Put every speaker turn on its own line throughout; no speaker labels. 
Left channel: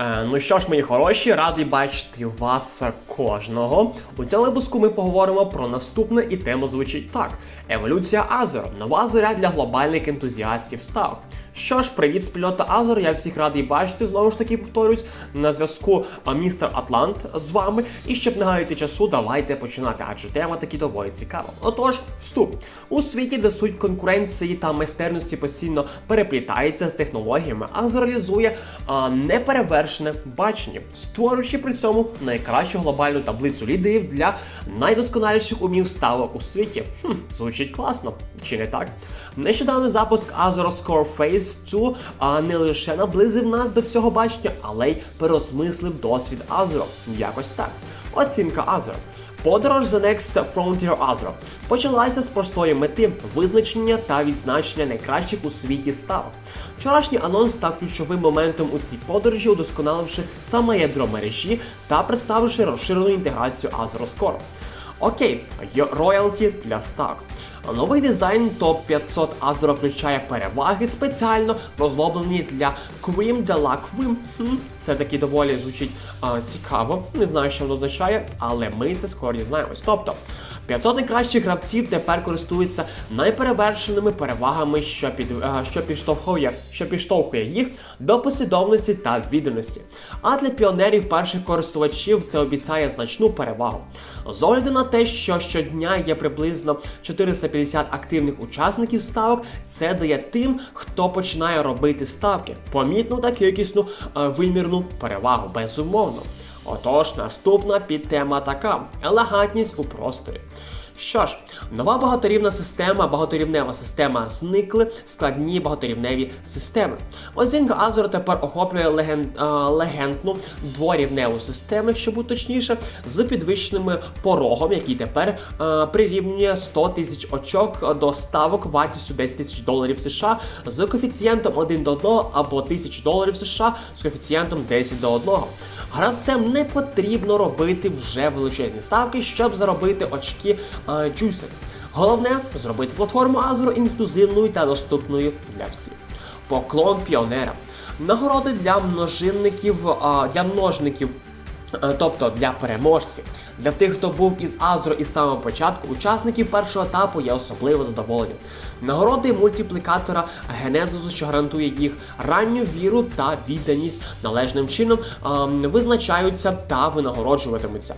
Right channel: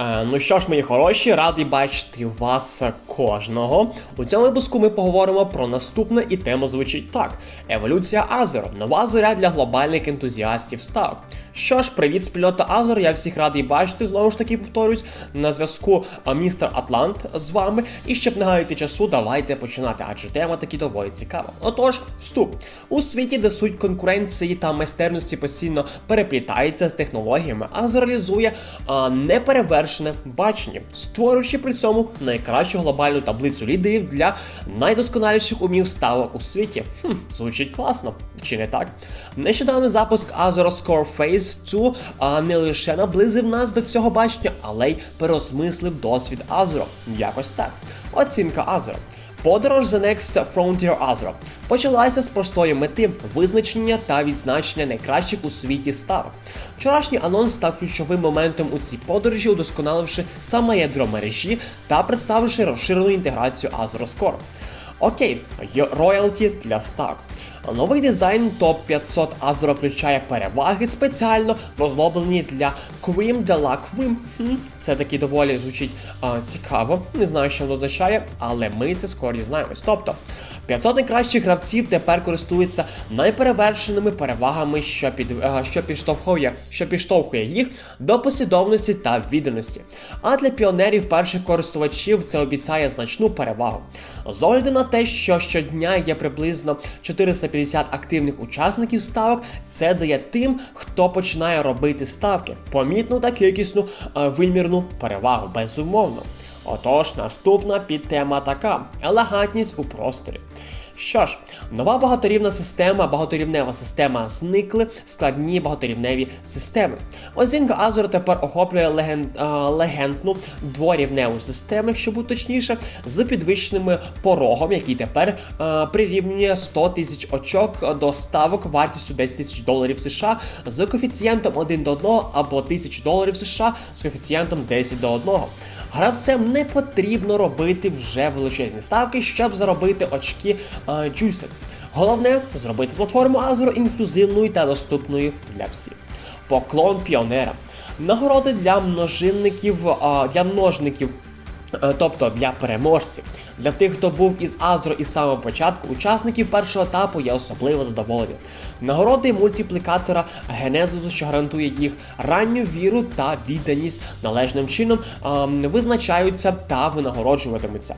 Е, ну що ж, мої хороші, радий бачити вас кожного. У цьому випуску ми поговоримо про наступне, і тема звучить так: еволюція Азер. Нова зоря для глобальних ентузіастів ставок. Що ж, привіт, спільнота Азер. Я всіх радий бачити. Знову ж таки повторюсь, на зв'язку містер Атлант з вами. І щоб не гаяти часу, давайте починати, адже тема таки доволі цікава. Отож, вступ. У світі, де суть конкуренції та майстерності постійно переплітається з технологіями, Азер реалізує а, неперевершене бачення, створюючи при цьому найкращу глобальну таблицю лідерів для найдосконаліших умів ставок у світі. Хм, звучить класно, чи не так? Нещодавний запуск Azure Score Phase 2 а, не лише наблизив нас до цього бачення, але й переосмислив досвід Azure. Якось так. Оцінка Azure. Подорож The Next Frontier Azure почалася з простої мети визначення та відзначення найкращих у світі ставок. Вчорашній анонс став ключовим моментом у цій подорожі, удосконаливши саме ядро мережі та представивши розширену інтеграцію Azure Score. Окей, роялті для ставок. Новий дизайн топ 500 Azure включає переваги спеціально розроблені для Quim de la Quim. Це таки доволі звучить а, цікаво. Не знаю, що воно означає, але ми це скоро дізнаємось. Тобто 500 найкращих гравців тепер користуються найперевершеними перевагами, що під що підштовхує, що підштовхує їх до послідовності та відданості. А для піонерів перших користувачів це обіцяє значну перевагу. З огляду на те, що щодня є приблизно 450 активних учасників ставок, це дає тим, хто починає робити ставки, помітну та кількісну е, вимірну перевагу, безумовно. Отож, наступна підтема така: елегантність у просторі. Що ж, нова багаторівна система, багаторівнева система зникли складні багаторівневі системи. Оцінка Azure тепер охоплює леген, легендну дворівневу систему, якщо бути точніше, з підвищеним порогом, який тепер а, прирівнює 100 тисяч очок до ставок вартістю 10 тисяч доларів США з коефіцієнтом 1 до 1 або 1000 доларів США з коефіцієнтом 10 до 1. Гравцям не потрібно робити вже величезні ставки, щоб заробити очки е, джусер. Головне зробити платформу Azure інклюзивною та доступною для всіх. Поклон піонерам. Нагороди для множинників, для множників. Е, Тобто для переможців, для тих, хто був із Азро із самого початку, учасників першого етапу є особливо задоволені. Нагороди мультиплікатора Генезусу, що гарантує їх ранню віру та відданість належним чином, ем, визначаються та винагороджуватимуться.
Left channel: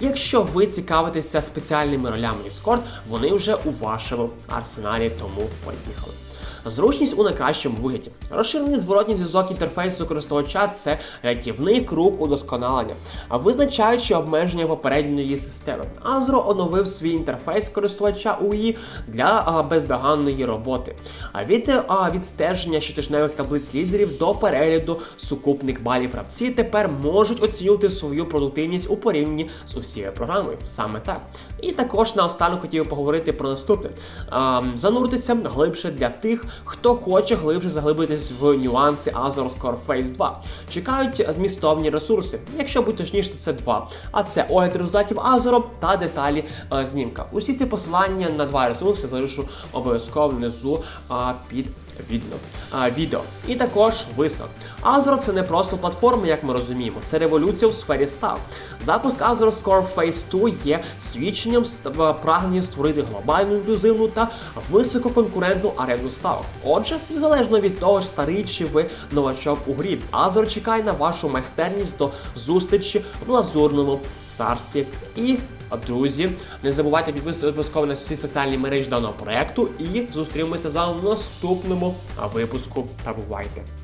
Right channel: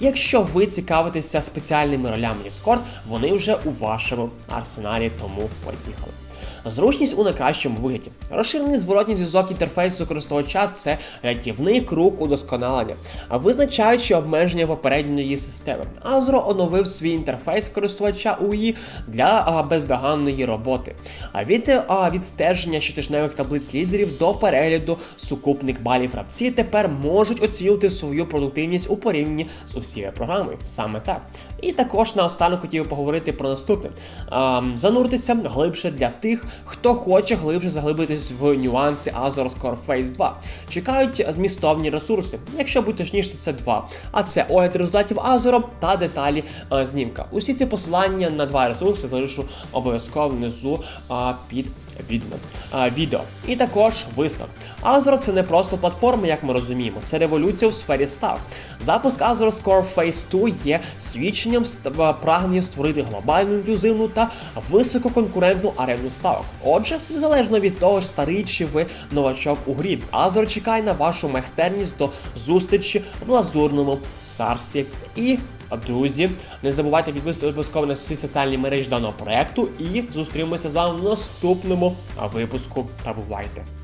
Якщо ви цікавитеся спеціальними ролями Discord, вони вже у вашому арсеналі, тому поїхали. Зручність у найкращому вигляді. Розширений зворотній зв'язок інтерфейсу користувача це рятівний круг удосконалення, а визначаючи обмеження попередньої системи. Azure оновив свій інтерфейс користувача UI для бездоганної роботи. А від відстеження щотижневих таблиць лідерів до перегляду сукупних балів гравці тепер можуть оцінювати свою продуктивність у порівнянні з усією програмою. Саме так. І також наостанок хотів поговорити про наступне: зануритися глибше для тих, хто хоче глибше заглибитись в нюанси Azure Core Phase 2. Чекають змістовні ресурси, якщо бути точніше, це два. А це огляд результатів Azure та деталі е, знімка. Усі ці посилання на два ресурси залишу обов'язково внизу а, під відео. А, відео. І також висновок. Azure це не просто платформа, як ми розуміємо, це революція в сфері став. Запуск Azure Score Phase 2 є свідченням е, прагнення створити глобальну інклюзивну та висококонкурентну арену ставок. Отже, незалежно від того, старий чи ви новачок у грі, Azure чекає на вашу майстерність до зустрічі в лазурному царстві. І Друзі, не забувайте підписуватися обов'язково на всі соціальні мережі даного проекту і зустрінемося з вами в наступному випуску. Та бувайте!